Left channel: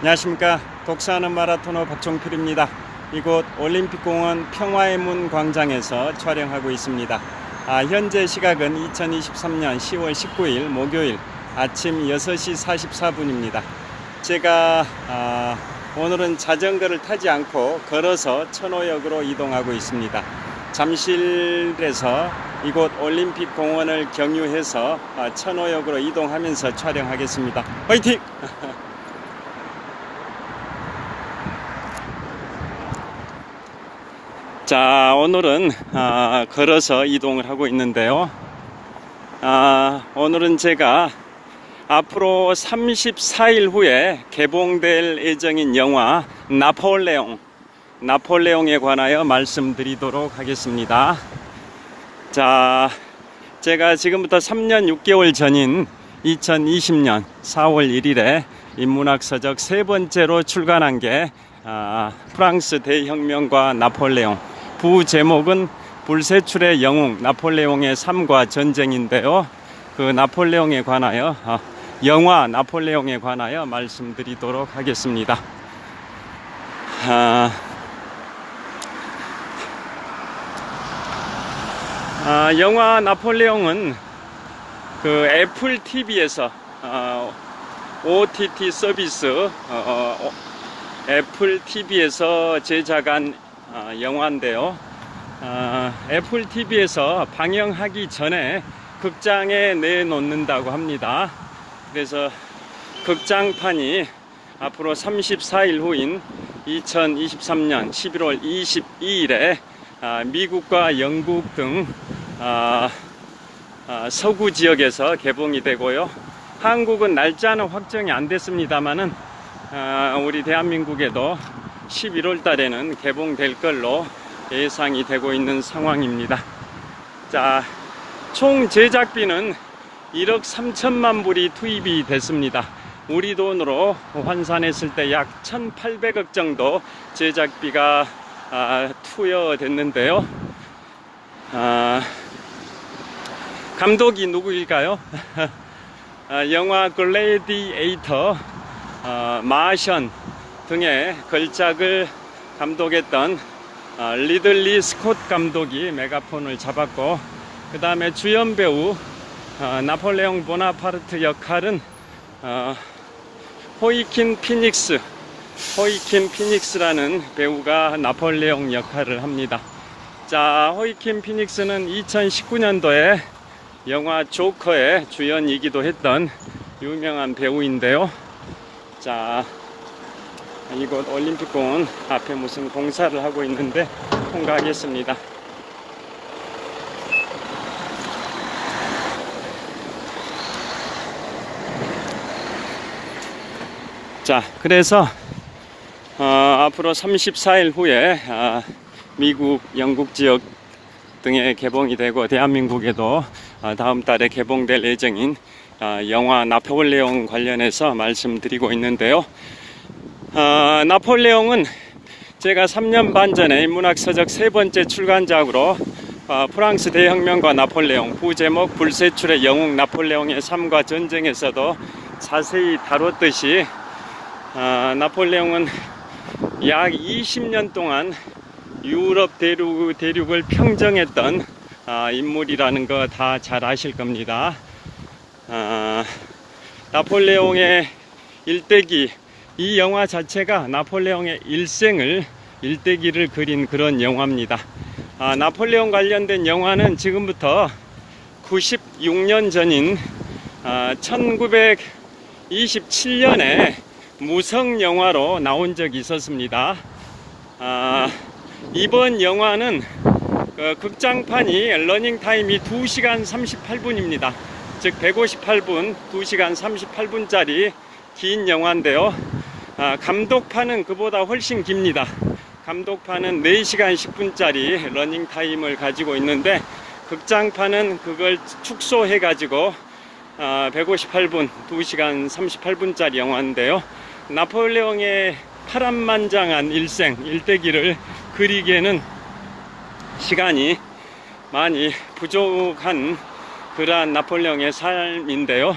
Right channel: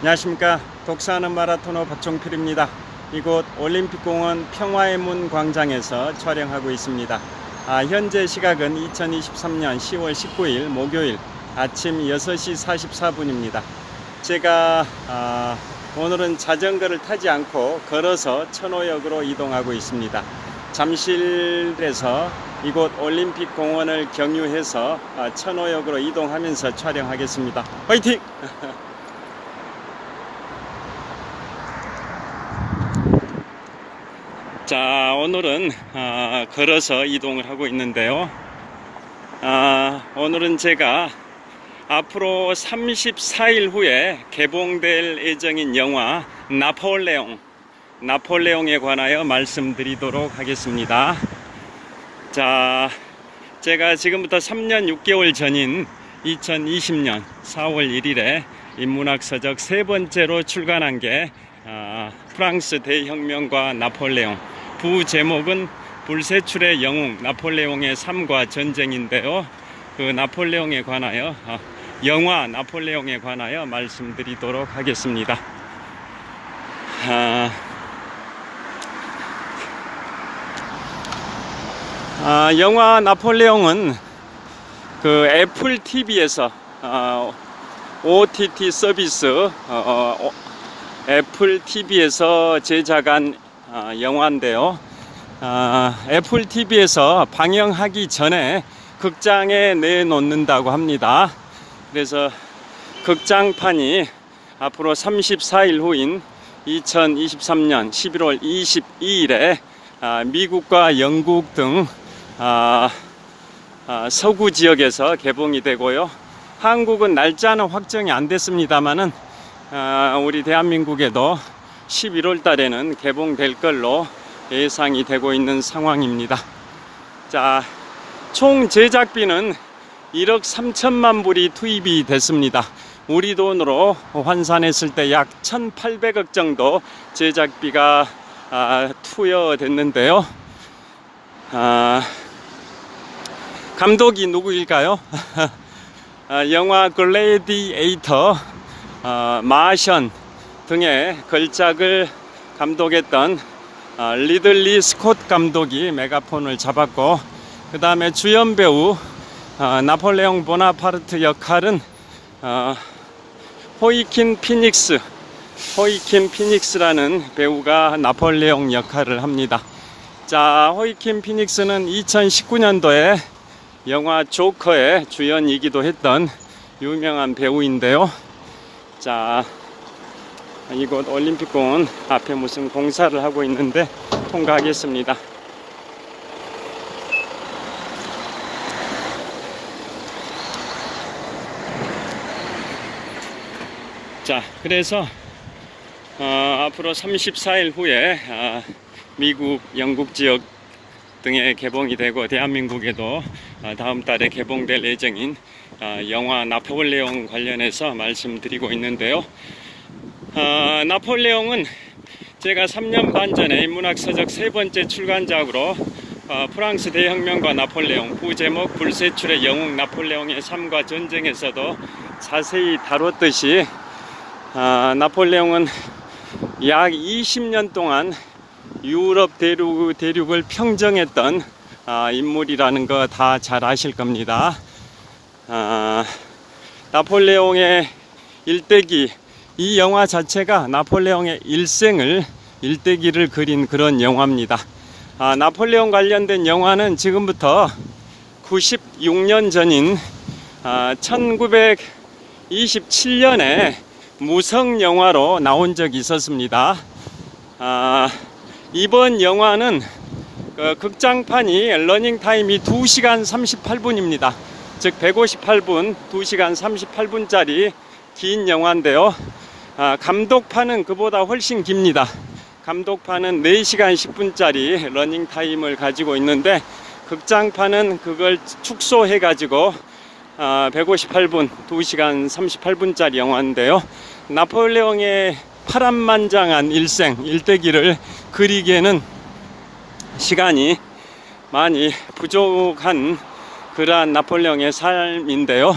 안녕하십니까. 독서하는 마라토너 박종필입니다. 이곳 올림픽공원 평화의 문 광장에서 촬영하고 있습니다. 현재 시각은 2023년 10월 19일 목요일 아침 6시 44분입니다. 제가 오늘은 자전거를 타지 않고 걸어서 천호역으로 이동하고 있습니다. 잠실에서 이곳 올림픽공원을 경유해서 천호역으로 이동하면서 촬영하겠습니다. 화이팅! 자, 오늘은 걸어서 이동을 하고 있는데요. 오늘은 제가 앞으로 34일 후에 개봉될 예정인 영화 나폴레옹에 관하여 말씀드리도록 하겠습니다. 자, 제가 지금부터 3년 6개월 전인 2020년 4월 1일에 인문학서적 세 번째로 출간한 게 프랑스 대혁명과 나폴레옹, 부제목은 불세출의 영웅 나폴레옹의 삶과 전쟁인데요. 그 나폴레옹에 관하여 영화 나폴레옹에 관하여 말씀드리도록 하겠습니다. 영화 나폴레옹은 그 애플 TV에서 OTT 서비스 애플 TV에서 제작한 영화인데요. 애플 TV에서 방영하기 전에 극장에 내놓는다고 합니다. 그래서 극장판이 앞으로 34일 후인 2023년 11월 22일에 미국과 영국 등 서구 지역에서 개봉이 되고요. 한국은 날짜는 확정이 안 됐습니다만은 우리 대한민국에도 11월 달에는 개봉될 걸로 예상이 되고 있는 상황입니다. 자, 총 제작비는 1억 3천만 불이 투입이 됐습니다. 우리 돈으로 환산했을 때 약 1,800억 정도 제작비가 투여됐는데요. 감독이 누구일까요? 영화 글래디에이터, 마션 등의 걸작을 감독했던 리들리 스콧 감독이 메가폰을 잡았고, 그 다음에 주연 배우 나폴레옹 보나파르트 역할은 호이킨 피닉스라는 배우가 나폴레옹 역할을 합니다. 자, 호이킨 피닉스는 2019년도에 영화 조커의 주연이기도 했던 유명한 배우인데요. 자, 이곳 올림픽공원 앞에 무슨 공사를 하고 있는데 통과하겠습니다. 자, 그래서 앞으로 34일 후에 미국, 영국 지역 등에 개봉이 되고 대한민국에도 다음 달에 개봉될 예정인 영화 나폴레옹 관련해서 말씀드리고 있는데요. 나폴레옹은 제가 3년 반 전에 인문학서적 세 번째 출간작으로 프랑스 대혁명과 나폴레옹, 부제목 불세출의 영웅 나폴레옹의 삶과 전쟁에서도 자세히 다뤘듯이 나폴레옹은 약 20년 동안 유럽 대륙을 평정했던 인물이라는 거 다 잘 아실 겁니다. 나폴레옹의 일대기, 이 영화 자체가 나폴레옹의 일대기를 그린 그런 영화입니다. 나폴레옹 관련된 영화는 지금부터 96년 전인 1927년에 무성 영화로 나온 적이 있었습니다. 이번 영화는 극장판이 러닝타임이 2시간 38분입니다. 즉 158분, 2시간 38분짜리 긴 영화인데요. 감독판은 그보다 훨씬 깁니다. 감독판은 4시간 10분짜리 러닝타임을 가지고 있는데 극장판은 그걸 축소해 가지고 158분, 2시간 38분짜리 영화인데요. 나폴레옹의 파란만장한 일대기를 그리기에는 시간이 많이 부족한 그러한 나폴레옹의 삶인데요.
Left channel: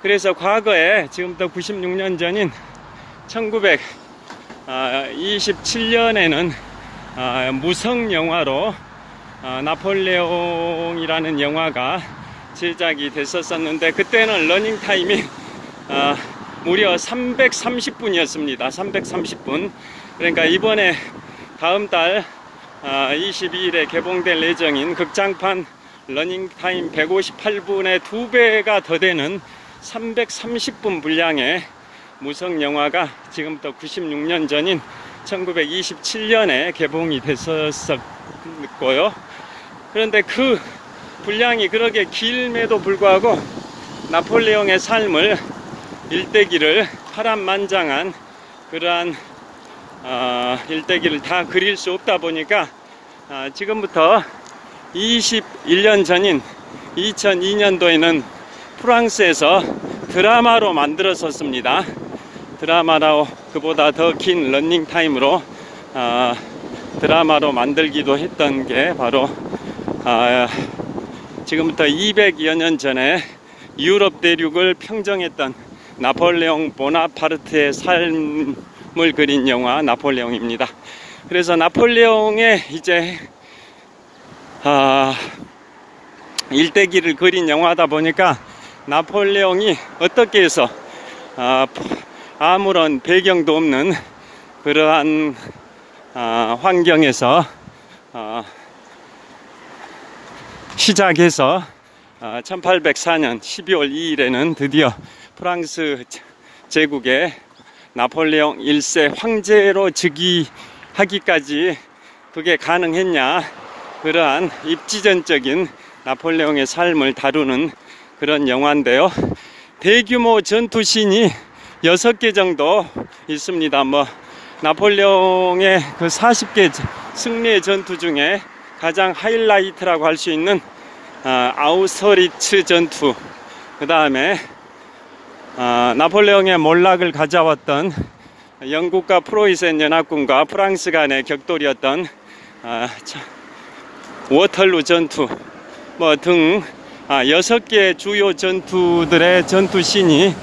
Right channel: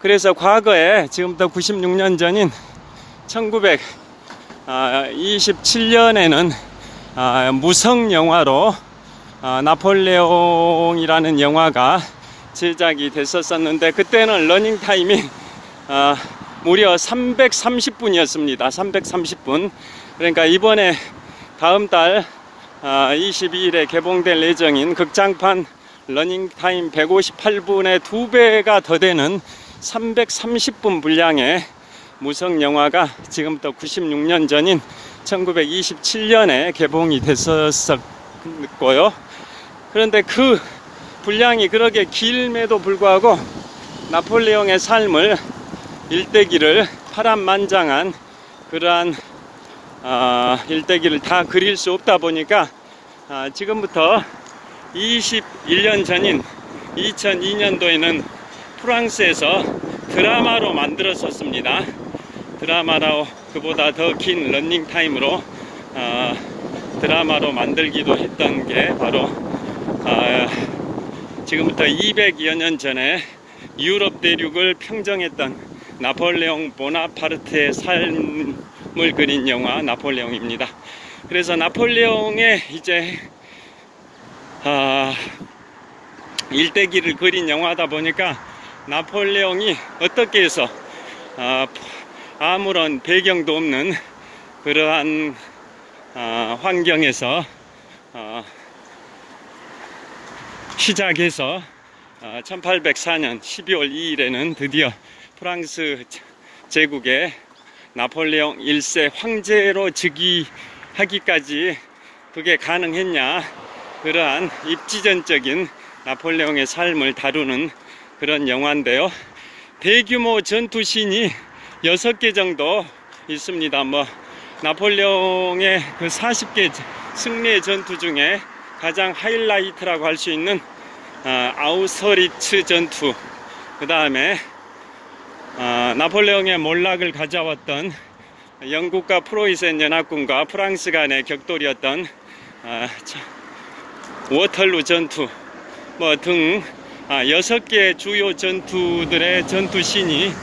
그래서 과거에 지금부터 96년 전인 1927년에는 무성 영화로 나폴레옹이라는 영화가 제작이 됐었는데, 그때는 러닝타임이 무려 330분이었습니다. 330분. 그러니까 이번에 다음 달 22일에 개봉될 예정인 극장판 러닝타임 158분의 2배가 더 되는 330분 분량의 무성 영화가 지금부터 96년 전인 1927년에 개봉이 됐었고요. 그런데 그 분량이 그렇게 길음에도 불구하고 나폴레옹의 삶을, 일대기를, 파란만장한 그러한 일대기를 다 그릴 수 없다 보니까 지금부터 21년 전인 2002년도에는 프랑스에서 드라마로 만들었었습니다. 드라마로, 그보다 더 긴 러닝타임으로 드라마로 만들기도 했던 게 바로 지금부터 200여 년 전에 유럽 대륙을 평정했던 나폴레옹 보나파르트의 삶을 그린 영화 나폴레옹입니다. 그래서 나폴레옹의 이제 일대기를 그린 영화다 보니까 나폴레옹이 어떻게 해서 아무런 배경도 없는 그러한 환경에서 시작해서 1804년 12월 2일에는 드디어 프랑스 제국의 나폴레옹 1세 황제로 즉위하기까지 그게 가능했냐, 그러한 입지전적인 나폴레옹의 삶을 다루는 그런 영화인데요. 대규모 전투씬이 6개 정도 있습니다. 나폴레옹의 그 40개 승리의 전투 중에 가장 하이라이트라고 할 수 있는 아우서리츠 전투, 그 다음에 나폴레옹의 몰락을 가져왔던 영국과 프로이센 연합군과 프랑스 간의 격돌이었던 워털루 전투 등 6개 주요 전투들의 전투씬이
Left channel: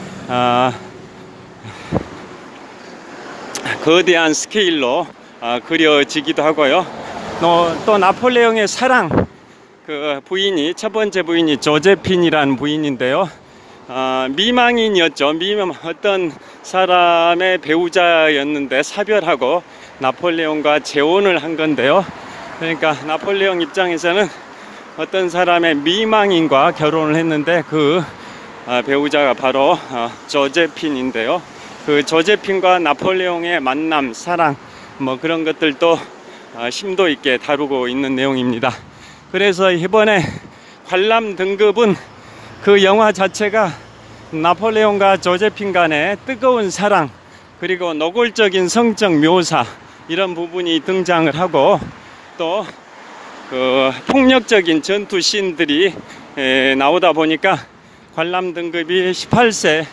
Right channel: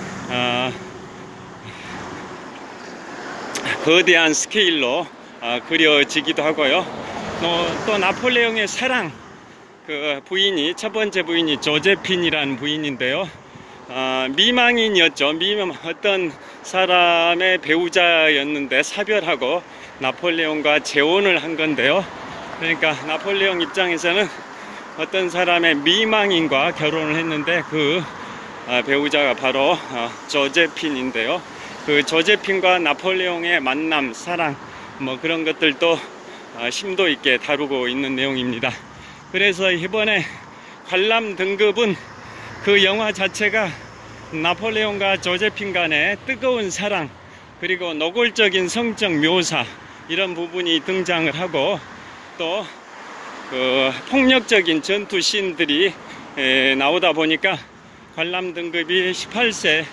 거대한 스케일로 그려지기도 하고요. 또 나폴레옹의 사랑, 그 부인이, 첫 번째 부인이 조제핀이라는 부인인데요. 미망인이었죠. 어떤 사람의 배우자였는데 사별하고 나폴레옹과 재혼을 한 건데요. 그러니까 나폴레옹 입장에서는 어떤 사람의 미망인과 결혼을 했는데 그 배우자가 바로 조제핀인데요. 그 조제핀과 나폴레옹의 만남, 사랑, 그런 것들도 심도 있게 다루고 있는 내용입니다. 그래서 이번에 관람 등급은 그 영화 자체가 나폴레옹과 조제핀 간의 뜨거운 사랑, 그리고 노골적인 성적 묘사, 이런 부분이 등장을 하고, 또 그 폭력적인 전투 씬들이 나오다 보니까 관람 등급이 18세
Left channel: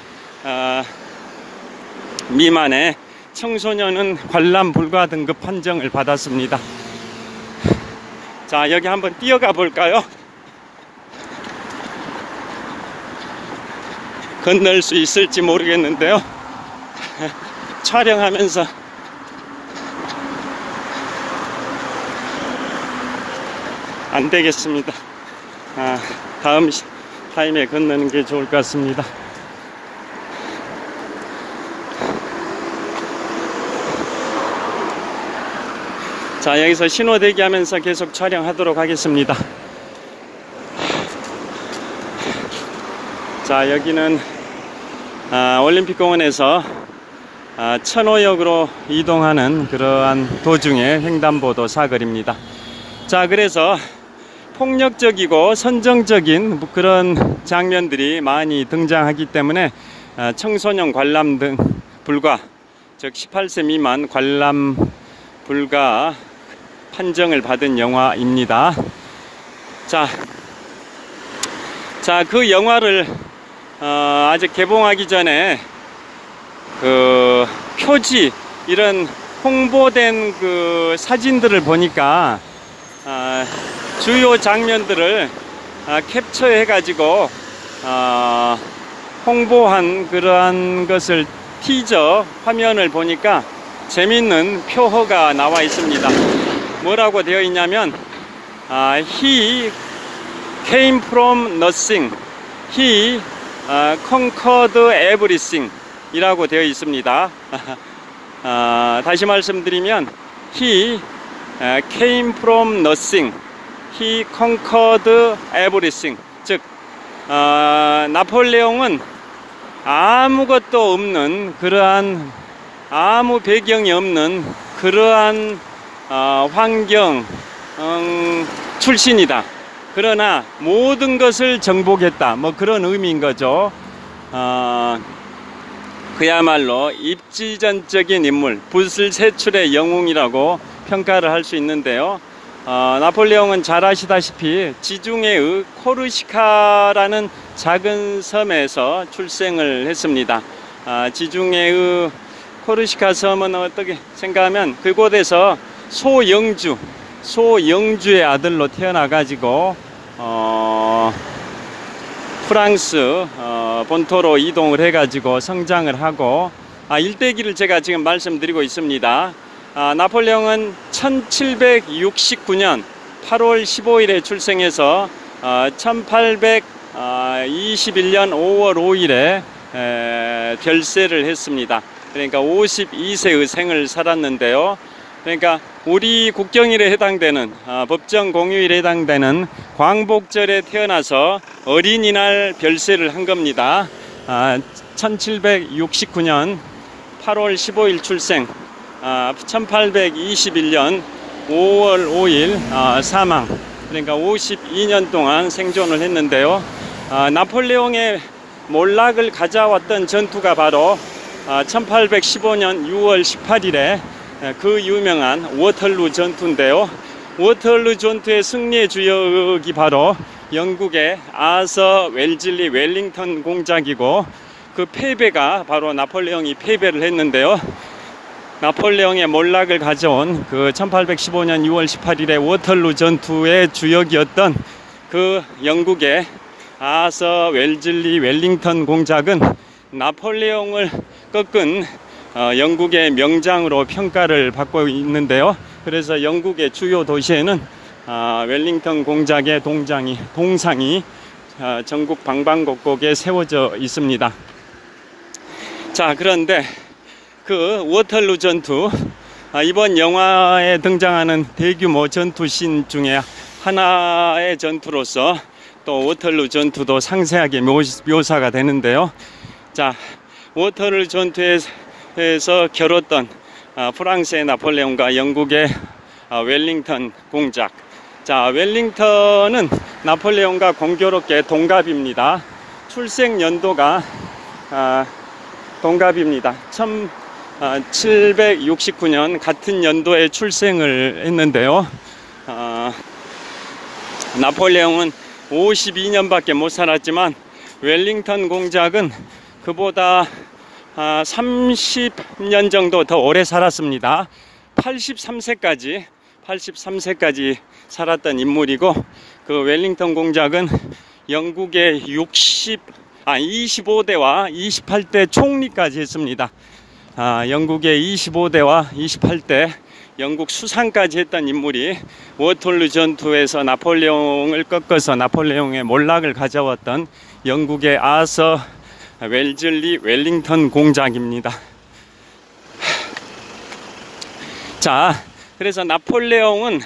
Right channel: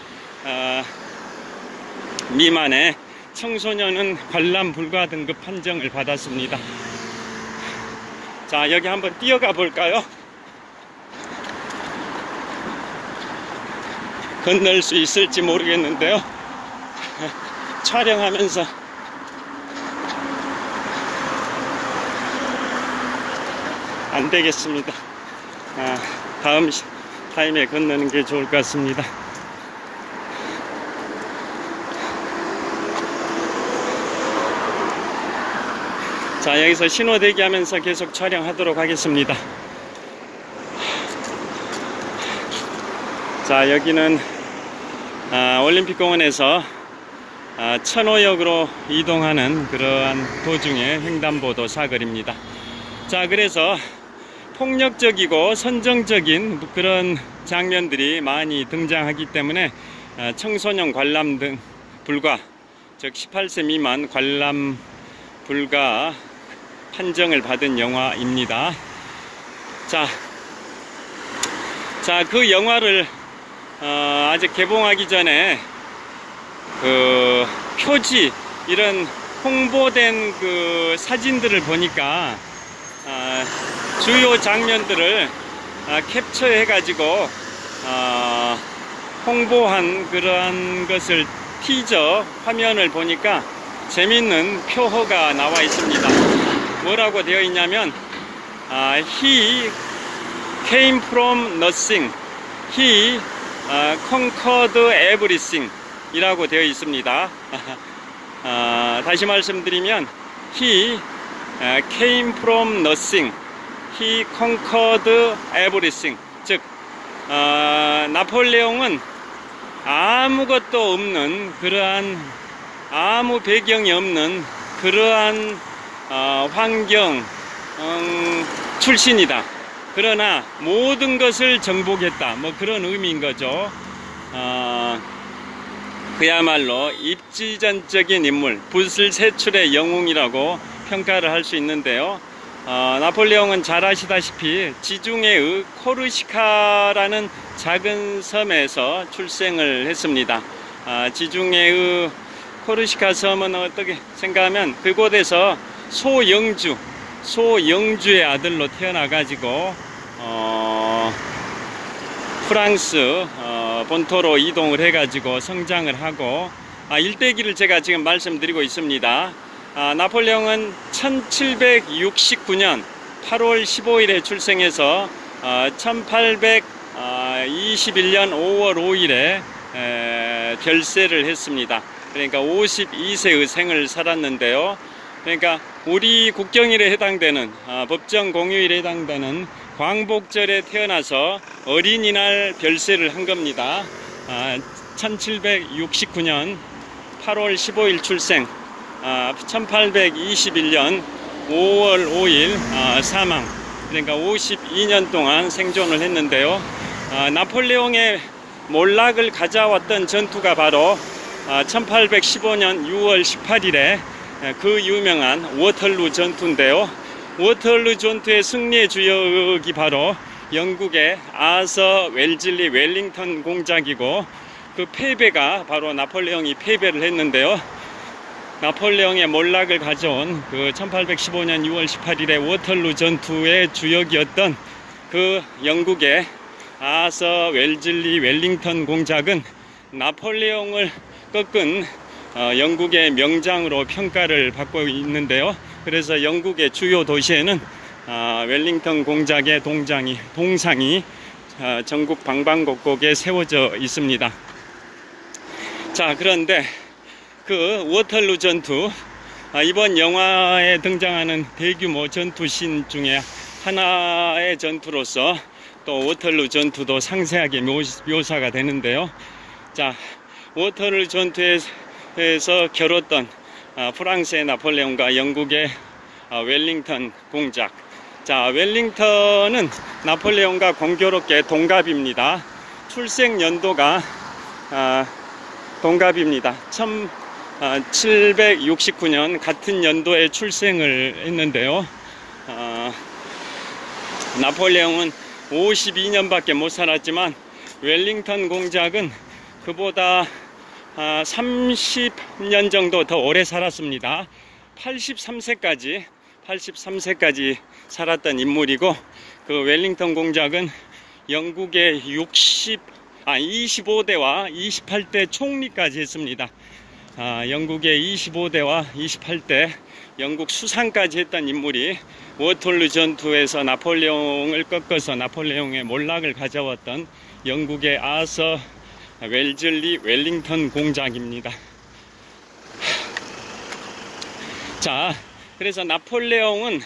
미만의 청소년은 관람 불가 등급 판정을 받았습니다. 자, 여기 한번 뛰어가 볼까요? 건널 수 있을지 모르겠는데요. 촬영하면서 안 되겠습니다. 다음 타임에 건너는 게 좋을 것 같습니다. 자, 여기서 신호 대기하면서 계속 촬영하도록 하겠습니다. 자, 여기는 올림픽공원에서 천호역으로 이동하는 그러한 도중에 횡단보도 사거리입니다. 자, 그래서 폭력적이고 선정적인 그런 장면들이 많이 등장하기 때문에 청소년 관람 등 불가, 즉 18세 미만 관람 불가 판정을 받은 영화입니다. 자, 그 영화를 아직 개봉하기 전에 그 표지, 이런 홍보된 그 사진들을 보니까 주요 장면들을 캡처해 가지고 홍보한 그러한 것을 티저 화면을 보니까 재밌는 표어가 나와 있습니다. 뭐라고 되어 있냐면 He came from nothing. He conquered everything 이라고 되어 있습니다. 다시 말씀드리면 He came from nothing. He conquered everything. 즉 나폴레옹은 아무것도 없는 그러한 아무 배경이 없는 그러한 환경 출신이다. 그러나 모든 것을 정복했다. 뭐 그런 의미인 거죠. 그야말로 입지전적인 인물, 붓을세출의 영웅이라고 평가를 할 수 있는데요. 나폴레옹은 잘 아시다시피 지중해의 코르시카라는 작은 섬에서 출생을 했습니다. 지중해의 코르시카 섬은 어떻게 생각하면 그곳에서 소영주의 아들로 태어나 가지고 프랑스 본토로 이동을 해 가지고 성장을 하고 일대기를 제가 지금 말씀드리고 있습니다. 나폴레옹은 1769년 8월 15일에 출생해서 1821년 5월 5일에 별세를 했습니다. 그러니까 52세의 생을 살았는데요. 그러니까 우리 국경일에 해당되는 법정 공휴일에 해당되는 광복절에 태어나서 어린이날 별세를 한 겁니다. 1769년 8월 15일 출생, 1821년 5월 5일 사망. 그러니까 52년 동안 생존을 했는데요. 나폴레옹의 몰락을 가져왔던 전투가 바로 1815년 6월 18일에 그 유명한 워털루 전투인데요. 워털루 전투의 승리의 주역이 바로 영국의 아서 웰즐리 웰링턴 공작이고, 그 패배가 바로 나폴레옹이 패배를 했는데요. 나폴레옹의 몰락을 가져온 그 1815년 6월 18일의 워털루 전투의 주역이었던 그 영국의 아서 웰즐리 웰링턴 공작은 나폴레옹을 꺾은 영국의 명장으로 평가를 받고 있는데요. 그래서 영국의 주요 도시에는 웰링턴 공작의 동상이 전국 방방곡곡에 세워져 있습니다. 자, 그런데 그 워털루 전투, 이번 영화에 등장하는 대규모 전투신 중에 하나의 전투로서 또 워털루 전투도 상세하게 묘사가 되는데요. 자, 워털루 전투에서 겨뤘던 프랑스의 나폴레옹과 영국의 웰링턴 공작. 자, 웰링턴은 나폴레옹과 공교롭게 동갑입니다. 출생 연도가 동갑입니다. 1769년 같은 연도에 출생을 했는데요. 나폴레옹은 52년밖에 못 살았지만 웰링턴 공작은 그보다 30년 정도 더 오래 살았습니다. 83세까지 살았던 인물이고, 그 웰링턴 공작은 영국의 25대와 28대 총리까지 했습니다. 영국의 25대와 28대 영국 수상까지 했던 인물이 워털루 전투에서 나폴레옹을 꺾어서 나폴레옹의 몰락을 가져왔던 영국의 아서 웰즐리 웰링턴 공작입니다. 자, 그래서 나폴레옹은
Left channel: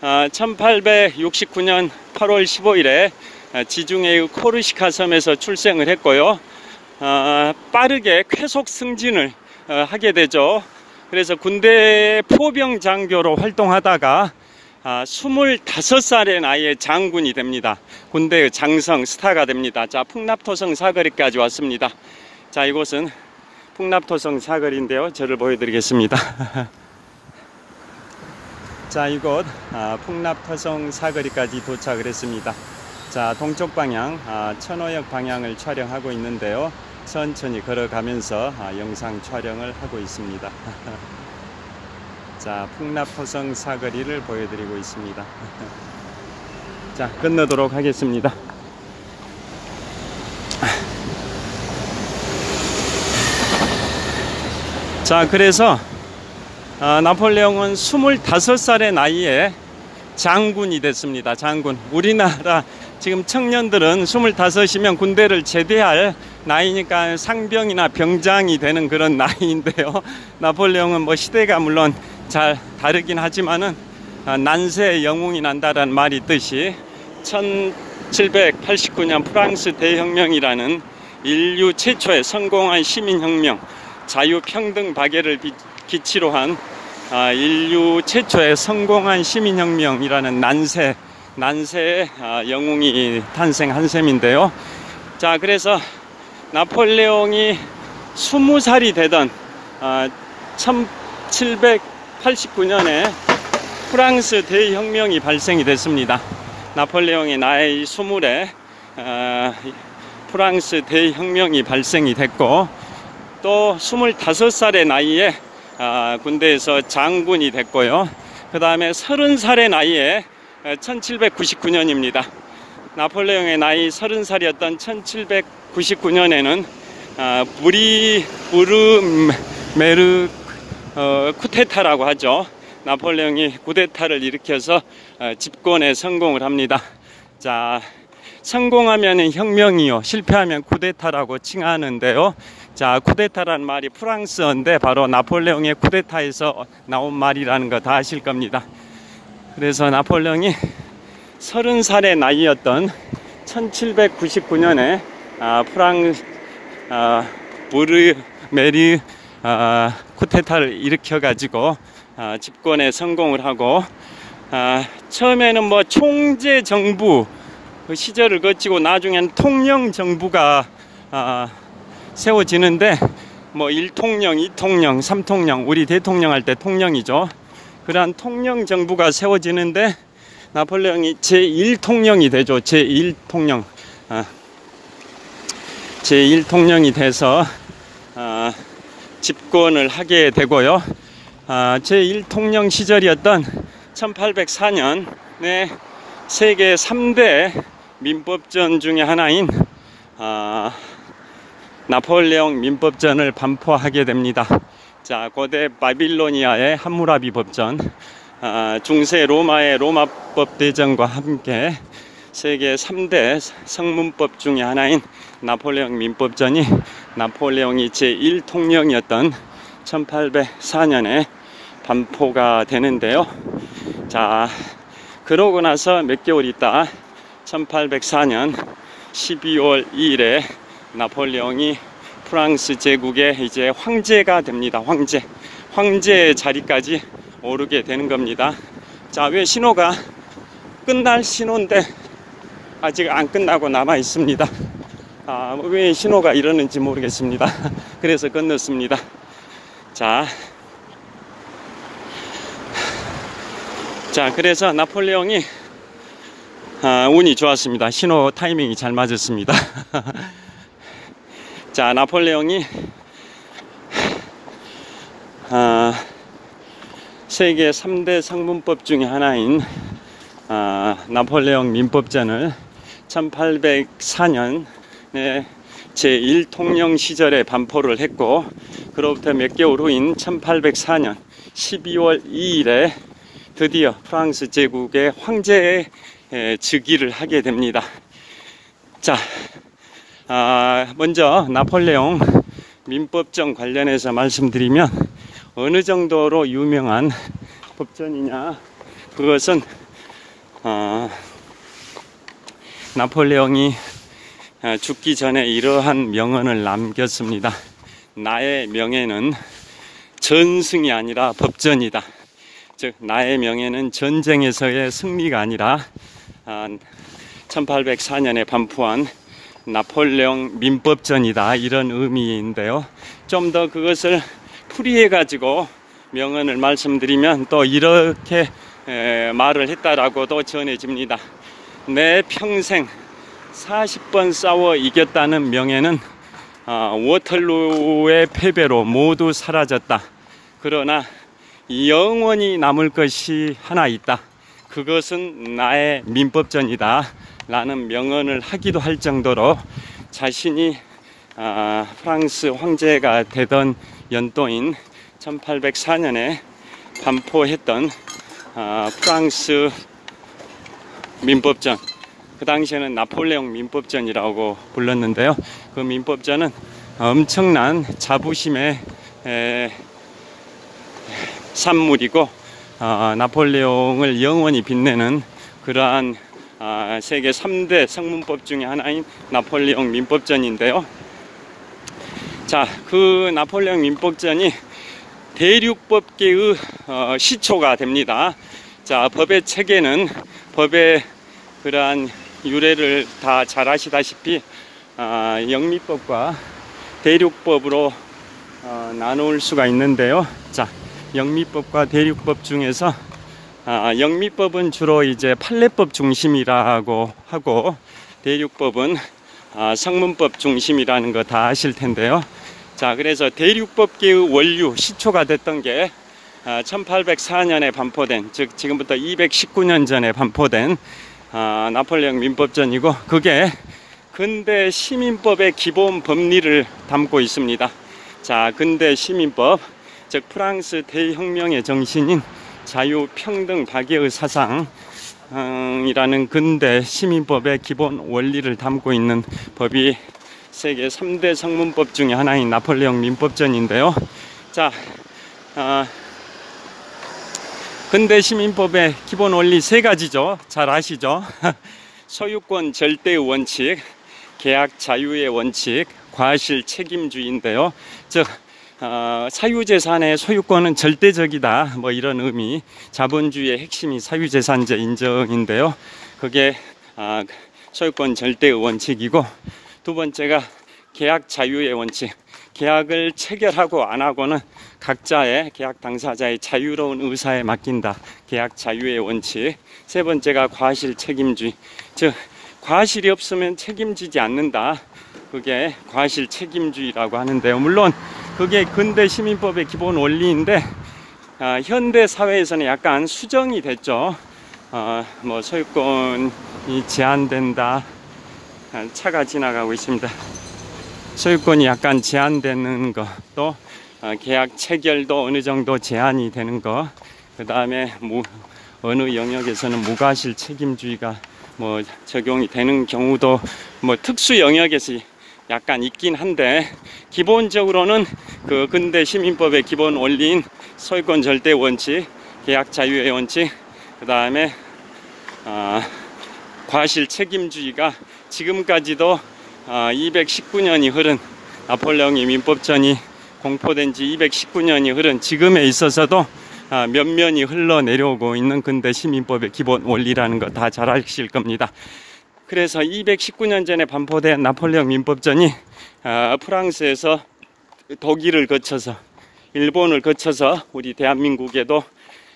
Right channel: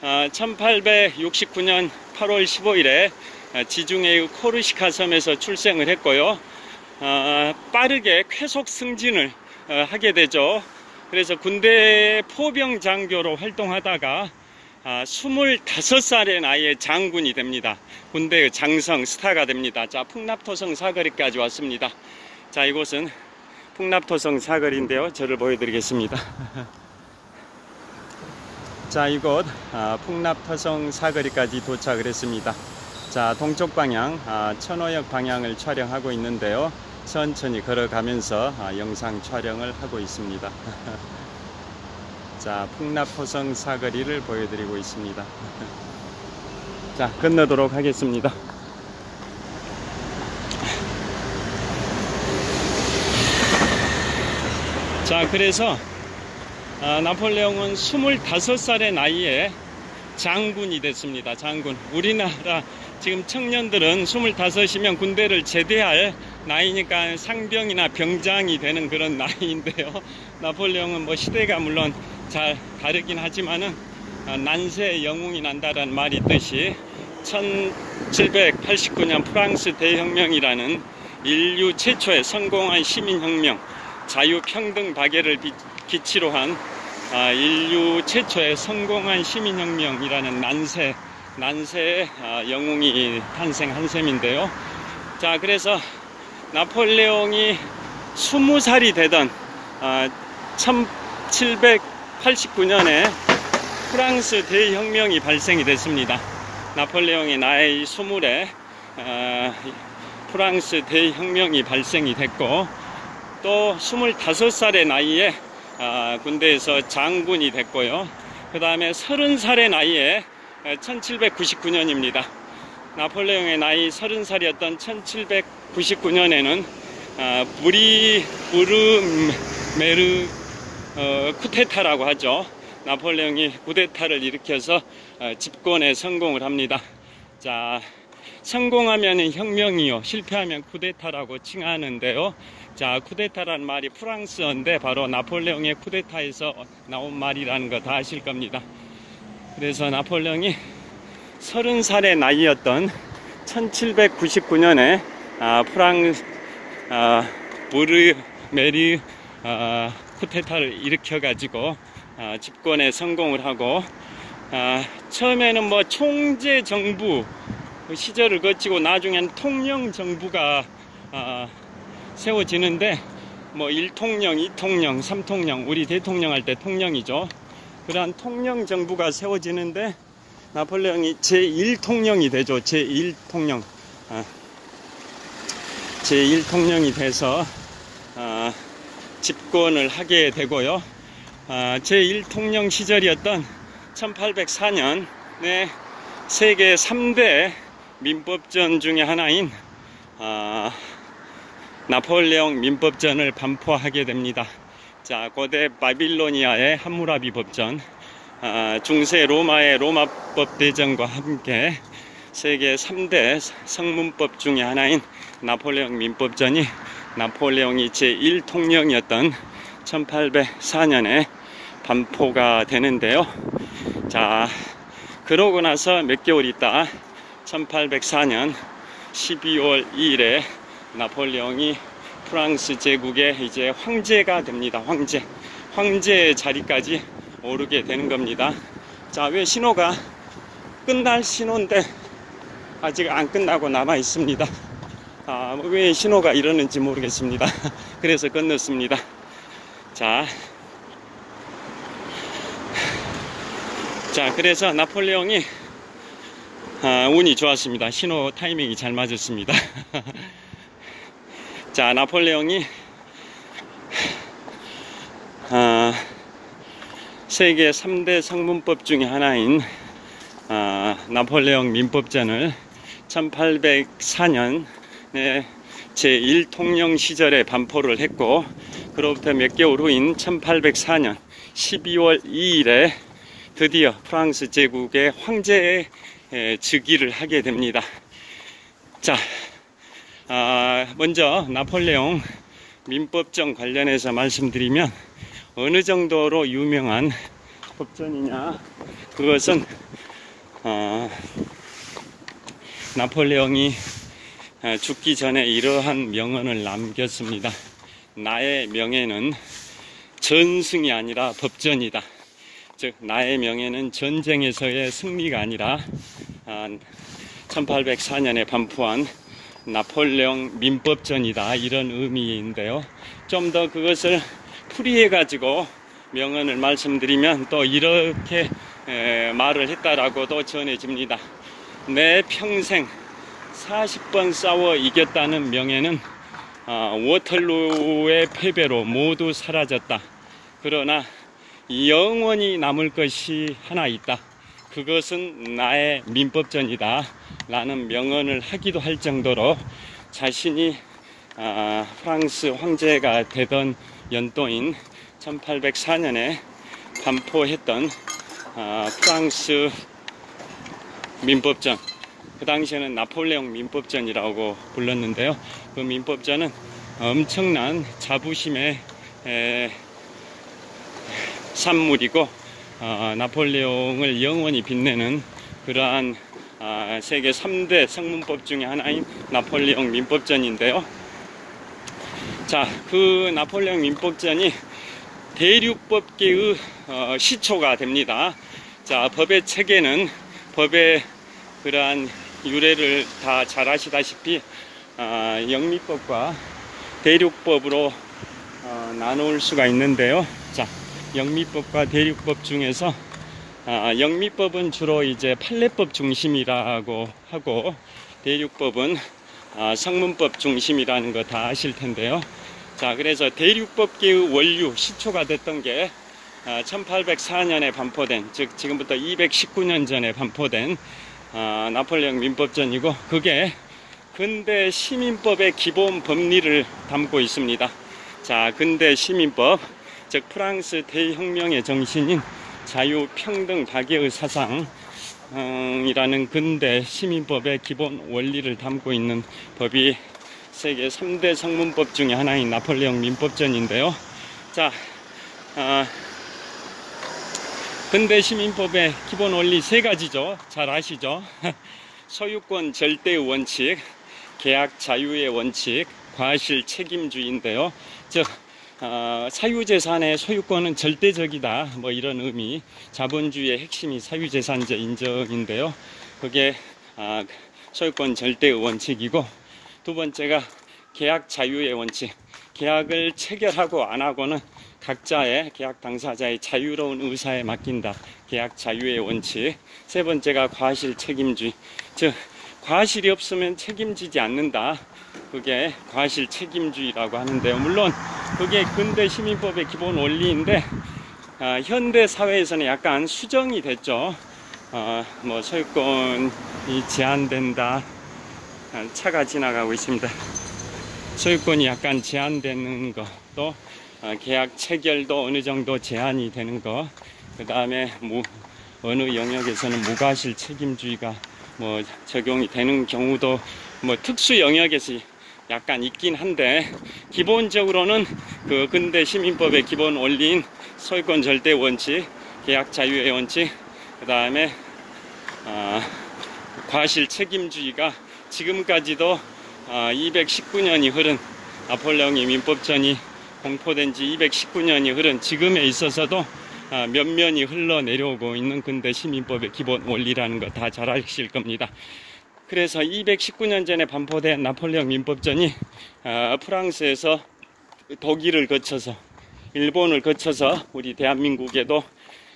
1869년 8월 15일에 지중해의 코르시카 섬에서 출생을 했고요. 빠르게 쾌속 승진을 하게 되죠. 그래서 군대 포병 장교로 활동하다가 25살의 나이에 장군이 됩니다. 군대의 장성 스타가 됩니다. 자, 풍납토성 사거리까지 왔습니다. 자, 이곳은 풍납토성 사거리인데요. 저를 보여드리겠습니다. 자, 이곳 풍납토성 사거리까지 도착을 했습니다. 자, 동쪽 방향 천호역 방향을 촬영하고 있는데요. 천천히 걸어가면서 영상 촬영을 하고 있습니다. 자, 풍납토성 사거리를 보여드리고 있습니다. 자, 건너도록 하겠습니다. 자, 그래서 나폴레옹은 25살의 나이에 장군이 됐습니다. 장군. 우리나라 지금 청년들은 25이면 군대를 제대할 나이니까 상병이나 병장이 되는 그런 나이인데요. 나폴레옹은 뭐 시대가 물론 잘 다르긴 하지만은 난세의 영웅이 난다라는 말이 있듯이 1789년 프랑스 대혁명이라는 인류 최초의 성공한 시민혁명, 자유평등 박애를 기치로 한 인류 최초의 성공한 시민혁명이라는 난세의 영웅이 탄생한 셈인데요. 자, 그래서 나폴레옹이 20살이 되던 1789년에 프랑스 대혁명이 발생이 됐습니다. 나폴레옹의 나이 20에 프랑스 대혁명이 발생이 됐고, 또 25살의 나이에 군대에서 장군이 됐고요. 그 다음에 30살의 나이에 1799년입니다. 나폴레옹의 나이 30살이었던 1799년에는 부르메르 쿠데타라고 하죠. 나폴레옹이 쿠데타를 일으켜서 집권에 성공을 합니다. 자, 성공하면 혁명이요, 실패하면 쿠데타라고 칭하는데요. 자, 쿠데타라는 말이 프랑스어인데 바로 나폴레옹의 쿠데타에서 나온 말이라는 거 다 아실 겁니다. 그래서 나폴레옹이 30살의 나이였던 1799년에 프랑스 부르메르 쿠데타를 일으켜 가지고 집권에 성공을 하고, 처음에는 뭐 총재 정부 그 시절을 거치고 나중엔 통령 정부가 세워지는데, 뭐 1통령, 2통령, 3통령, 우리 대통령 할 때 통령이죠. 그러한 통령 정부가 세워지는데 나폴레옹이 제1통령이 되죠. 제1통령. 제1통령이 돼서 집권을 하게 되고요. 제1통령 시절이었던 1804년에 세계 3대 민법전 중에 하나인 나폴레옹 민법전을 반포하게 됩니다. 자, 고대 바빌로니아의 함무라비 법전, 중세 로마의 로마법 대전과 함께 세계 3대 성문법 중에 하나인 나폴레옹 민법전이 나폴레옹이 제1통령이었던 1804년에 반포가 되는데요. 자, 그러고 나서 몇 개월 있다 1804년 12월 2일에 나폴레옹이 프랑스 제국의 이제 황제가 됩니다. 황제의 자리까지 오르게 되는 겁니다. 자, 왜 신호가 끝날 신호인데 아직 안 끝나고 남아 있습니다. 왜 신호가 이러는지 모르겠습니다. 그래서 건넜습니다. 자, 그래서 나폴레옹이 운이 좋았습니다. 신호 타이밍이 잘 맞았습니다. 자, 나폴레옹이 세계 3대 성문법 중에 하나인 나폴레옹 민법전을 1804년에 제1통령 시절에 반포를 했고, 그로부터 몇 개월 후인 1804년 12월 2일에 드디어 프랑스 제국의 황제의 즉위를 하게 됩니다. 자, 먼저 나폴레옹 민법전 관련해서 말씀드리면, 어느 정도로 유명한 법전이냐, 그것은 나폴레옹이 죽기 전에 이러한 명언을 남겼습니다. 나의 명예는 전승이 아니라 법전이다. 즉, 나의 명예는 전쟁에서의 승리가 아니라 1804년에 반포한 나폴레옹 민법전이다, 이런 의미인데요. 좀 더 그것을 풀이해 가지고 명언을 말씀드리면 또 이렇게 말을 했다라고도 전해집니다. 내 평생 40번 싸워 이겼다는 명예는 워털루의 패배로 모두 사라졌다. 그러나 영원히 남을 것이 하나 있다. 그것은 나의 민법전이다 라는 명언을 하기도 할 정도로 자신이 프랑스 황제가 되던 연도인 1804년에 반포했던 프랑스 민법전, 그 당시에는 나폴레옹 민법전이라고 불렀는데요. 그 민법전은 엄청난 자부심의 산물이고, 나폴레옹을 영원히 빛내는 그러한 세계 3대 성문법 중에 하나인 나폴레옹 민법전인데요. 자, 그 나폴레옹 민법전이 대륙법계의 시초가 됩니다. 자, 법의 체계는, 법의 그러한 유래를 다 잘 아시다시피 영미법과 대륙법으로 나눌 수가 있는데요. 자, 영미법과 대륙법 중에서 영미법은 주로 이제 판례법 중심이라고 하고, 대륙법은 성문법 중심이라는 거 다 아실 텐데요. 자, 그래서 대륙법계의 원류, 시초가 됐던 게 1804년에 반포된, 즉 지금부터 219년 전에 반포된 나폴레옹 민법전이고, 그게 근대 시민법의 기본 법리를 담고 있습니다. 자, 근대 시민법, 즉 프랑스 대혁명의 정신인 자유, 평등, 다계의 사상이라는 근대 시민법의 기본 원리를 담고 있는 법이 세계 3대 성문법 중에 하나인 나폴레옹 민법전인데요. 자, 근대 시민법의 기본 원리 세 가지죠. 잘 아시죠? 소유권 절대의 원칙, 계약 자유의 원칙, 과실 책임주의인데요. 즉 사유재산의 소유권은 절대적이다, 뭐 이런 의미. 자본주의의 핵심이 사유재산제 인정인데요. 그게 소유권 절대의 원칙이고, 두 번째가 계약 자유의 원칙. 계약을 체결하고 안 하고는 각자의 계약 당사자의 자유로운 의사에 맡긴다. 계약 자유의 원칙. 세 번째가 과실 책임주의. 즉 과실이 없으면 책임지지 않는다. 그게 과실 책임주의라고 하는데요. 물론 그게 근대 시민법의 기본 원리인데 현대 사회에서는 약간 수정이 됐죠. 뭐 소유권이 제한된다. 차가 지나가고 있습니다. 소유권이 약간 제한되는 것, 또 계약 체결도 어느 정도 제한이 되는 것, 그 다음에 어느 영역에서는 무과실 책임주의가 뭐 적용이 되는 경우도 뭐 특수 영역에서 약간 있긴 한데, 기본적으로는 그 근대 시민법의 기본 원리인 소유권 절대 원칙, 계약 자유의 원칙, 그 다음에 과실 책임주의가 지금까지도 219년이 흐른, 나폴레옹의 민법전이 공포된 지 219년이 흐른 지금에 있어서도 면면이 흘러내려오고 있는 근대 시민법의 기본 원리라는 거 다 잘 아실 겁니다. 그래서 219년 전에 반포된 나폴레옹 민법전이 프랑스에서 독일을 거쳐서, 일본을 거쳐서 우리 대한민국에도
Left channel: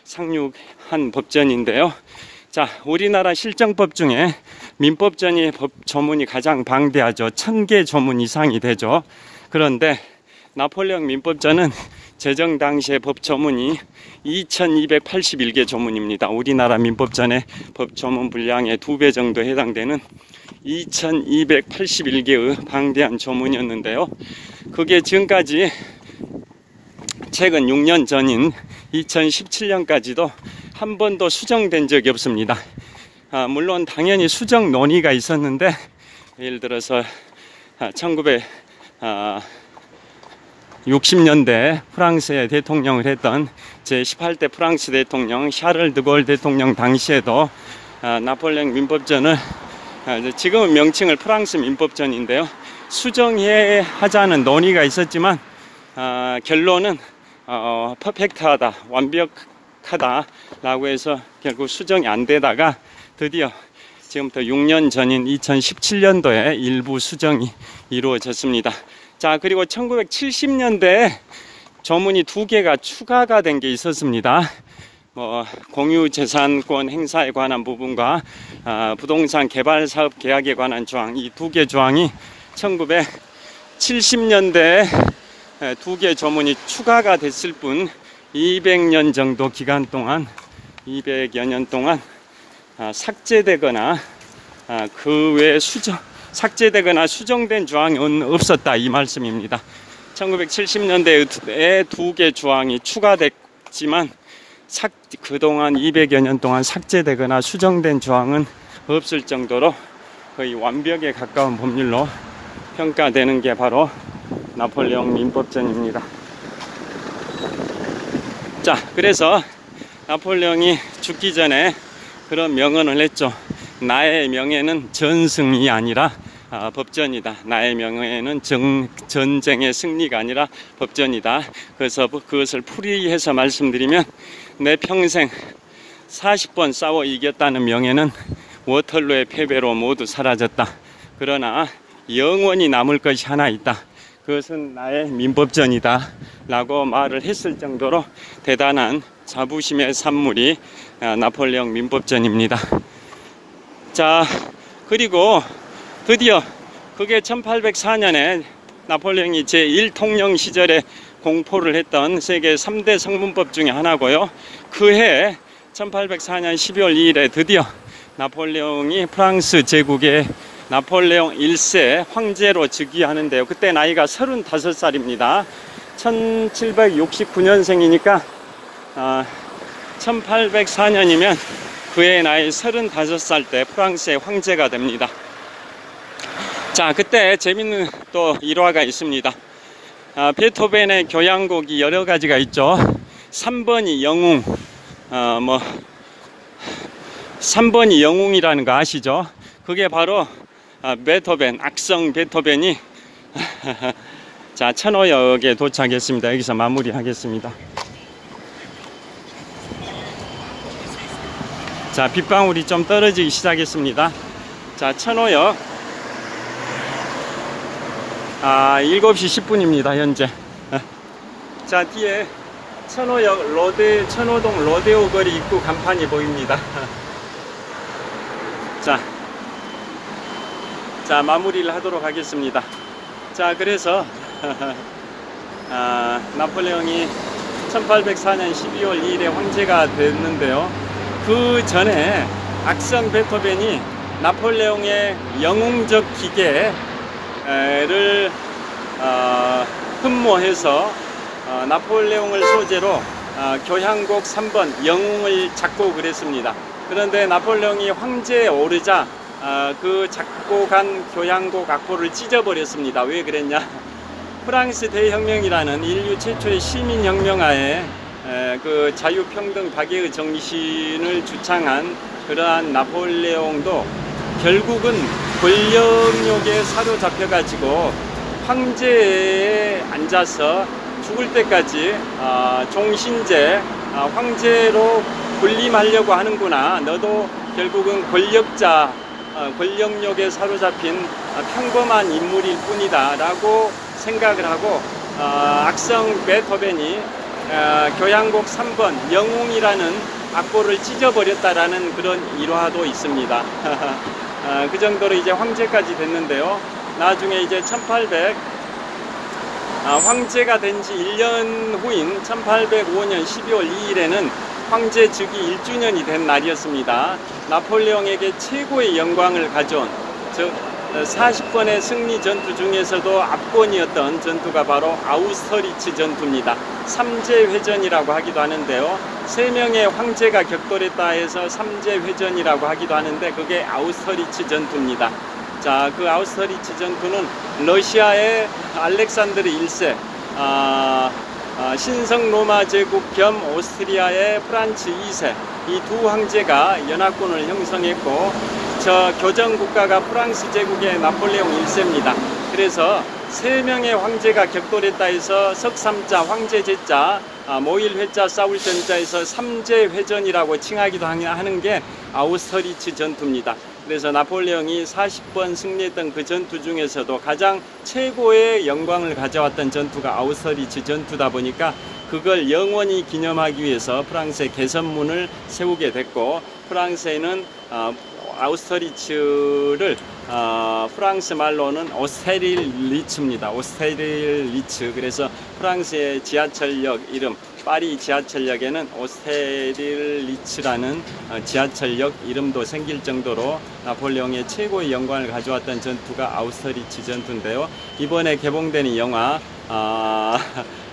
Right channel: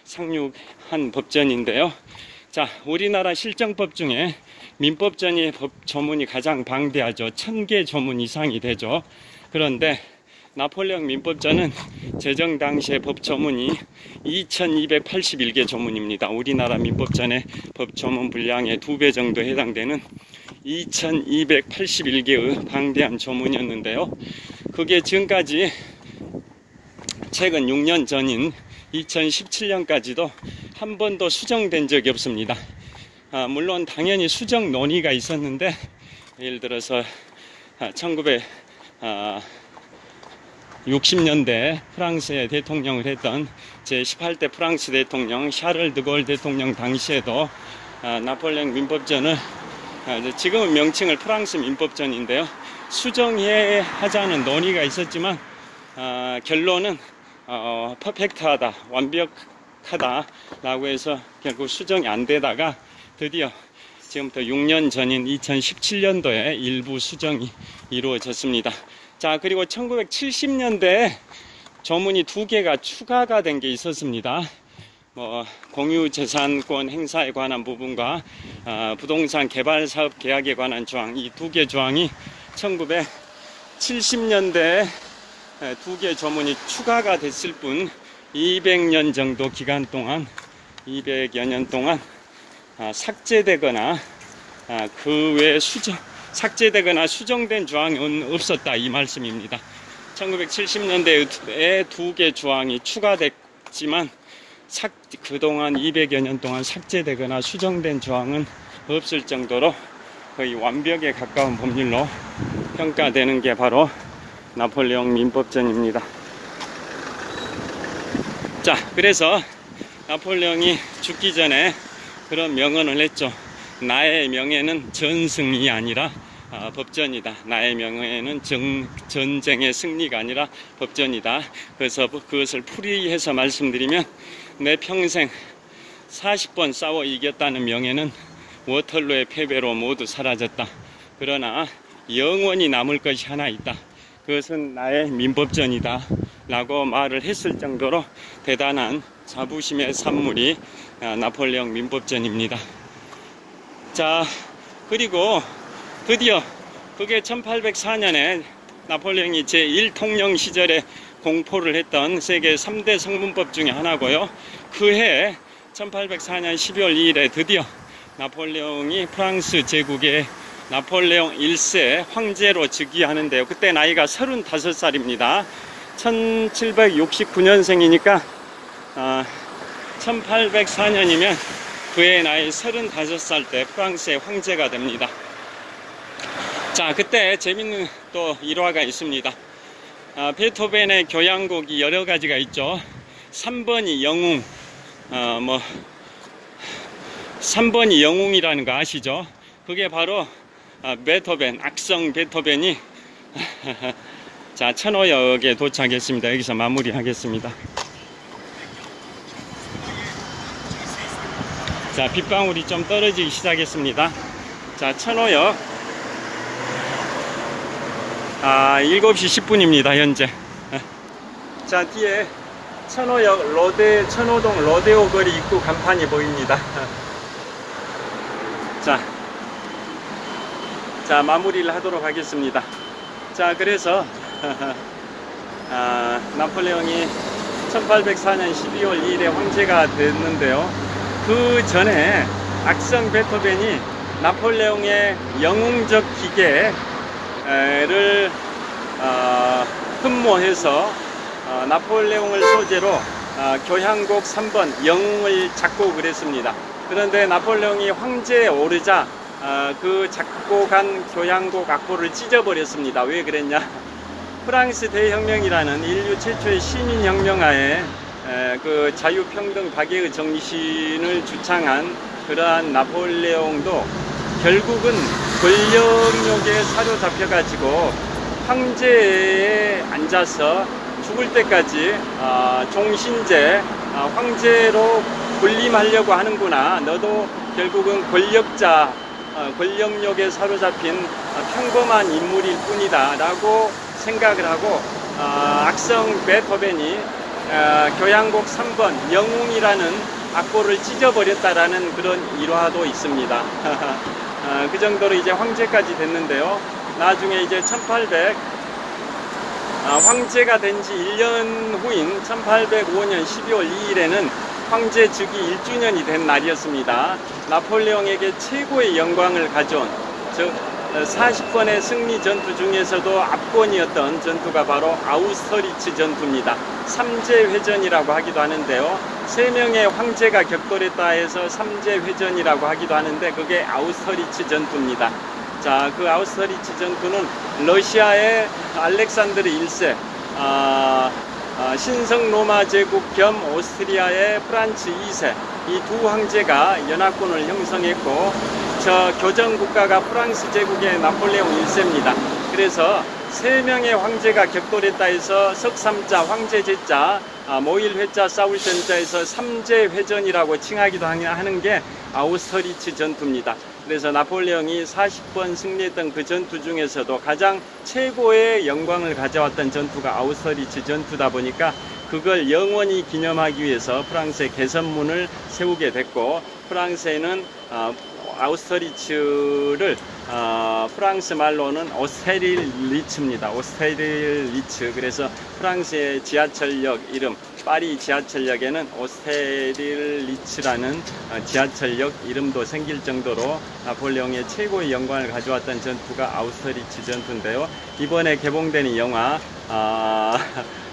상륙한 법전인데요. 자, 우리나라 실정법 중에 민법전이 법 조문이 가장 방대하죠. 1000개 조문 이상이 되죠. 그런데 나폴레옹 민법전은 제정 당시의 법 조문이 2281개 조문입니다. 우리나라 민법전의 법 조문 분량의 2배 정도 해당되는 2281개의 방대한 조문이었는데요. 그게 지금까지 최근 6년 전인 2017년까지도 한 번도 수정된 적이 없습니다. 물론 당연히 수정 논의가 있었는데, 예를 들어서 1960년대 프랑스의 대통령을 했던 제18대 프랑스 대통령 샤를 드골 대통령 당시에도 나폴레옹 민법전을, 지금은 명칭을 프랑스 민법전인데요, 수정해 하자는 논의가 있었지만 결론은 퍼펙트하다, 완벽하다 라고 해서 결국 수정이 안 되다가 드디어 지금부터 6년 전인 2017년도에 일부 수정이 이루어졌습니다. 자, 그리고 1970년대에 조문이 2개가 추가가 된 게 있었습니다. 공유재산권 행사에 관한 부분과 부동산 개발 사업 계약에 관한 조항, 이 2개 조항이 1970년대에 2개 조문이 추가가 됐을 뿐 200년 정도 기간 동안, 200여 년 동안 삭제되거나 그 외에 삭제되거나 수정된 조항은 없었다, 이 말씀입니다. 1970년대에 2개 주항이 추가됐지만 그동안 200여 년 동안 삭제되거나 수정된 주항은 없을 정도로 거의 완벽에 가까운 법률로 평가되는 게 바로 나폴레옹 민법전입니다. 자, 그래서 나폴레옹이 죽기 전에 그런 명언을 했죠. 나의 명예는 전승이 아니라 법전이다. 나의 명예는 전쟁의 승리가 아니라 법전이다. 그래서 그것을 풀이해서 말씀드리면 내 평생 40번 싸워 이겼다는 명예는 워털루의 패배로 모두 사라졌다. 그러나 영원히 남을 것이 하나 있다. 그것은 나의 민법전이다 라고 말을 했을 정도로 대단한 자부심의 산물이 나폴레옹 민법전입니다. 자, 그리고 드디어 그게 1804년에 나폴레옹이 제1통령 시절에 공포를 했던 세계 3대 성문법 중에 하나고요. 그해 1804년 12월 2일에 드디어 나폴레옹이 프랑스 제국의 나폴레옹 1세 황제로 즉위하는데요. 그때 나이가 35살입니다. 1769년생이니까 1804년이면 그의 나이 35살 때 프랑스의 황제가 됩니다. 자, 그때 재밌는 또 일화가 있습니다. 베토벤의 교향곡이 여러 가지가 있죠. 3번이 영웅, 3번이 영웅이라는 거 아시죠? 그게 바로 베토벤, 악성 베토벤이 자, 천호역에 도착했습니다. 여기서 마무리하겠습니다. 자, 빗방울이 좀 떨어지기 시작했습니다. 자, 천호역 7시 10분입니다 현재. 자, 뒤에 천호역 천호동 로데오 거리 입구 간판이 보입니다. 자, 마무리를 하도록 하겠습니다. 자, 그래서 나폴레옹이 1804년 12월 2일에 황제가 됐는데요. 그 전에 악성 베토벤이 나폴레옹의 영웅적 기계를 흠모해서 나폴레옹을 소재로 교향곡 3번 영웅을 작곡을 했습니다. 그런데 나폴레옹이 황제에 오르자 그 작곡한 교향곡 악보를 찢어버렸습니다. 왜 그랬냐? 프랑스 대혁명이라는 인류 최초의 시민혁명하에 그 자유평등 박애의 정신을 주창한 그러한 나폴레옹도 결국은 권력욕에 사로잡혀가지고 황제에 앉아서 죽을 때까지 종신제 황제로 군림하려고 하는구나. 너도 결국은 권력욕에 사로잡힌 평범한 인물일 뿐이다 라고 생각을 하고 악성 베토벤이 교향곡 3번 영웅이라는 악보를 찢어버렸다라는 그런 일화도 있습니다. 그 정도로 이제 황제까지 됐는데요. 나중에 이제 황제가 된 지 1년 후인 1805년 12월 2일에는 황제 즉위 1주년이 된 날이었습니다. 나폴레옹에게 최고의 영광을 가져온, 즉 40번의 승리 전투 중에서도 압권이었던 전투가 바로 아우스터리츠 전투입니다. 삼제회전이라고 하기도 하는데요. 3명의 황제가 격돌했다 해서 삼제회전이라고 하기도 하는데 그게 아우스터리츠 전투입니다. 자, 그 아우스터리츠 전투는 러시아의 알렉산드르 1세, 신성 로마 제국 겸 오스트리아의 프란츠 2세, 이 두 황제가 연합군을 형성했고 저 교정국가가 프랑스 제국의 나폴레옹 1세입니다. 그래서 3명의 황제가 격돌했다 해서 석삼자, 황제제자, 모일회자, 싸울 전자에서 삼제회전이라고 칭하기도 하는 게 아우스터리츠 전투입니다. 그래서 나폴레옹이 40번 승리했던 그 전투 중에서도 가장 최고의 영광을 가져왔던 전투가 아우스터리츠 전투다 보니까 그걸 영원히 기념하기 위해서 프랑스의 개선문을 세우게 됐고, 프랑스에는 아우스터리츠를 프랑스 말로는 오스테릴리츠입니다. 오스테릴리츠. 그래서 프랑스의 지하철역 이름, 파리 지하철역에는 오스테릴리츠라는 지하철역 이름도 생길 정도로 나폴레옹의 최고의 영광을 가져왔던 전투가 아우스터리츠 전투인데요. 이번에 개봉되는 영화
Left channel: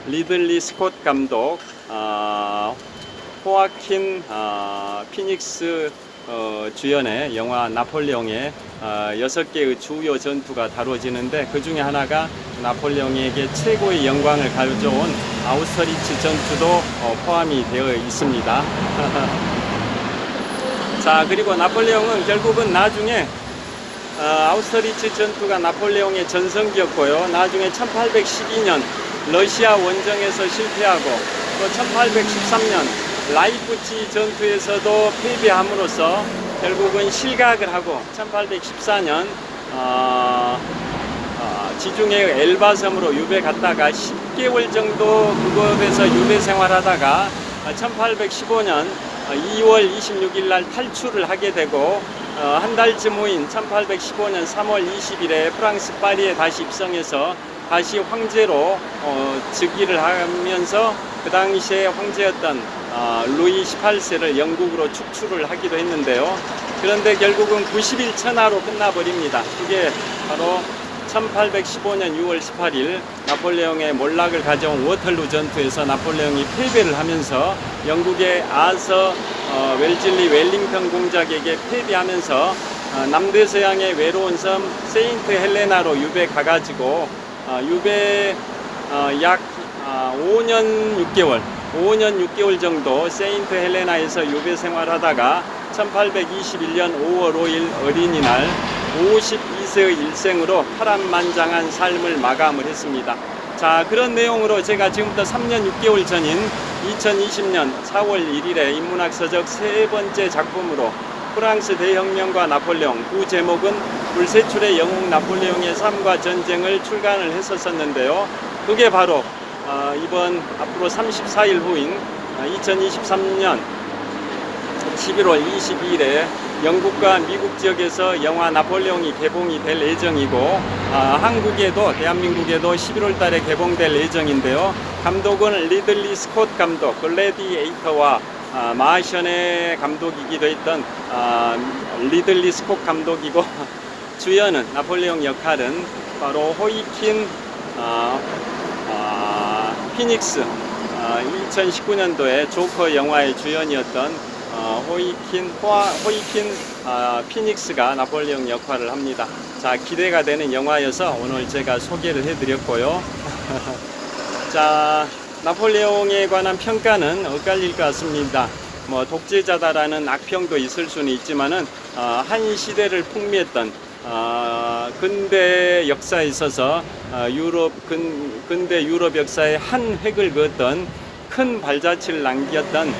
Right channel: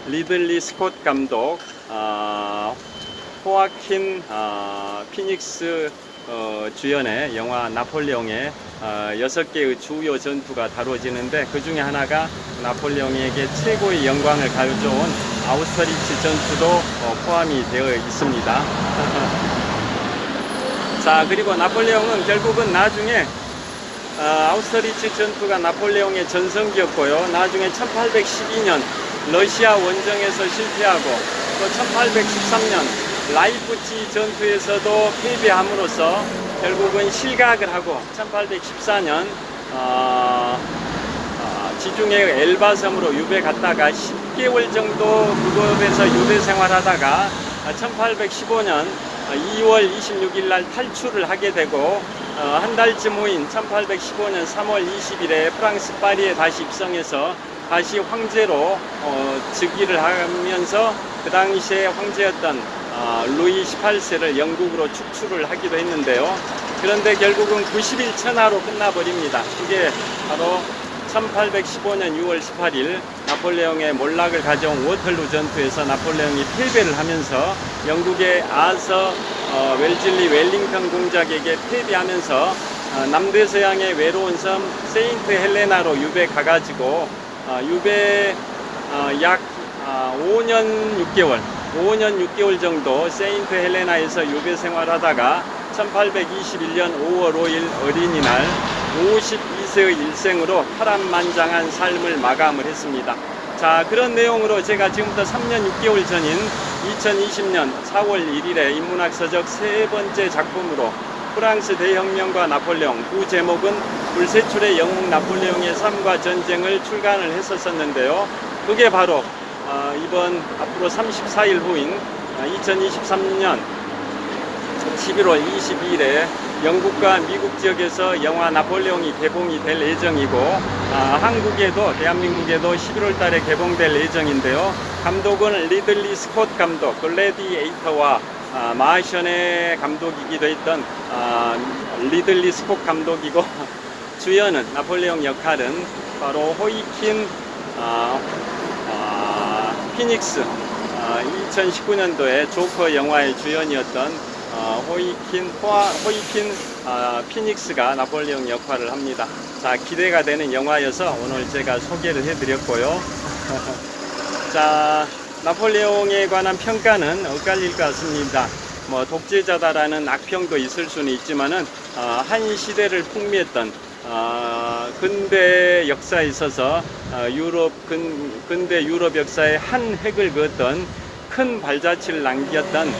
리들리 스콧 감독, 호아킨 피닉스 주연의 영화 나폴레옹의 6개의 주요 전투가 다뤄지는데, 그 중에 하나가 나폴레옹에게 최고의 영광을 가져온 아우스터리츠 전투도 포함이 되어 있습니다. 자, 그리고 나폴레옹은 결국은 나중에 아우스터리츠 전투가 나폴레옹의 전성기였고요. 나중에 1812년 러시아 원정에서 실패하고, 또 1813년 라이프치 전투에서도 패배함으로써 결국은 실각을 하고, 1814년 지중해 엘바섬으로 유배 갔다가 10개월 정도 그곳에서 유배 생활하다가 1815년 2월 26일 날 탈출을 하게 되고, 한 달쯤 후인 1815년 3월 20일에 프랑스 파리에 다시 입성해서 다시 황제로 즉위를 하면서 그 당시에 황제였던 루이 18세를 영국으로 축출을 하기도 했는데요. 그런데 결국은 90일 천하로 끝나버립니다. 그게 바로 1815년 6월 18일 나폴레옹의 몰락을 가져온 워털루 전투에서 나폴레옹이 패배를 하면서 영국의 아서 웰즐리 웰링턴 공작에게 패배하면서 남대서양의 외로운 섬 세인트 헬레나로 유배 가가지고 유배 약 5년 6개월 정도 세인트 헬레나에서 유배 생활하다가 1821년 5월 5일 어린이날 52세의 일생으로 파란만장한 삶을 마감을 했습니다. 자, 그런 내용으로 제가 지금부터 3년 6개월 전인 2020년 4월 1일에 인문학서적 세 번째 작품으로 프랑스 대혁명과 나폴레옹, 그 제목은 불세출의 영웅 나폴레옹의 삶과 전쟁을 출간을 했었는데요. 그게 바로 이번 앞으로 34일 후인 2023년 11월 22일에 영국과 미국 지역에서 영화 나폴레옹이 개봉이 될 예정이고, 한국에도, 대한민국에도 11월 달에 개봉될 예정인데요. 감독은 리들리 스콧 감독, 글래디에이터와 마션의 감독이기도 했던 리들리 스콧 감독이고, 주연은 나폴레옹 역할은 바로 호이킨 피닉스, 2019년도에 조커 영화의 주연이었던 호이킨 피닉스가 나폴레옹 역할을 합니다. 자, 기대가 되는 영화여서 오늘 제가 소개를 해드렸고요. 자, 나폴레옹에 관한 평가는 엇갈릴 것 같습니다. 뭐 독재자다라는 악평도 있을 수는 있지만은 한 시대를 풍미했던 근대 역사에 있어서 근대 유럽 역사의 한 획을 그었던 큰 발자취를 남겼던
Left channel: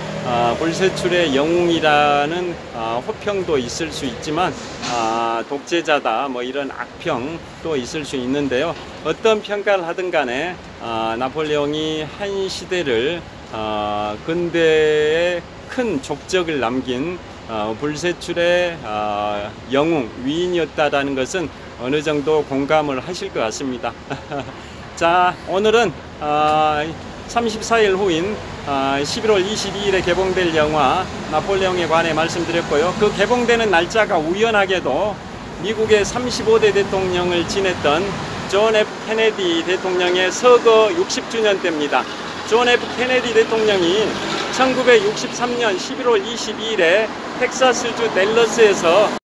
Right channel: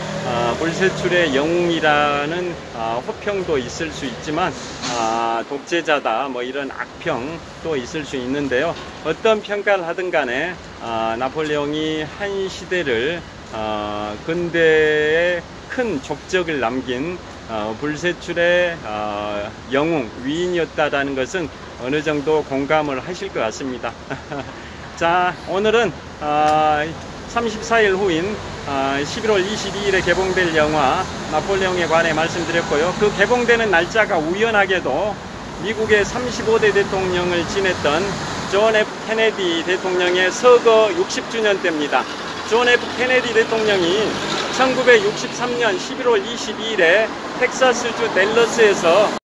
불세출의 영웅이라는 호평도 있을 수 있지만, 독재자다 뭐 이런 악평도 있을 수 있는데요. 어떤 평가를 하든 간에 나폴레옹이 한 시대를 근대의 큰 족적을 남긴 불세출의 영웅, 위인이었다라는 것은 어느 정도 공감을 하실 것 같습니다. 자, 오늘은 34일 후인 11월 22일에 개봉될 영화 나폴레옹에 관해 말씀드렸고요. 그 개봉되는 날짜가 우연하게도 미국의 35대 대통령을 지냈던 존 F 케네디 대통령의 서거 60주년 때입니다. 존 F 케네디 대통령이 1963년 11월 22일에 텍사스주 댈러스에서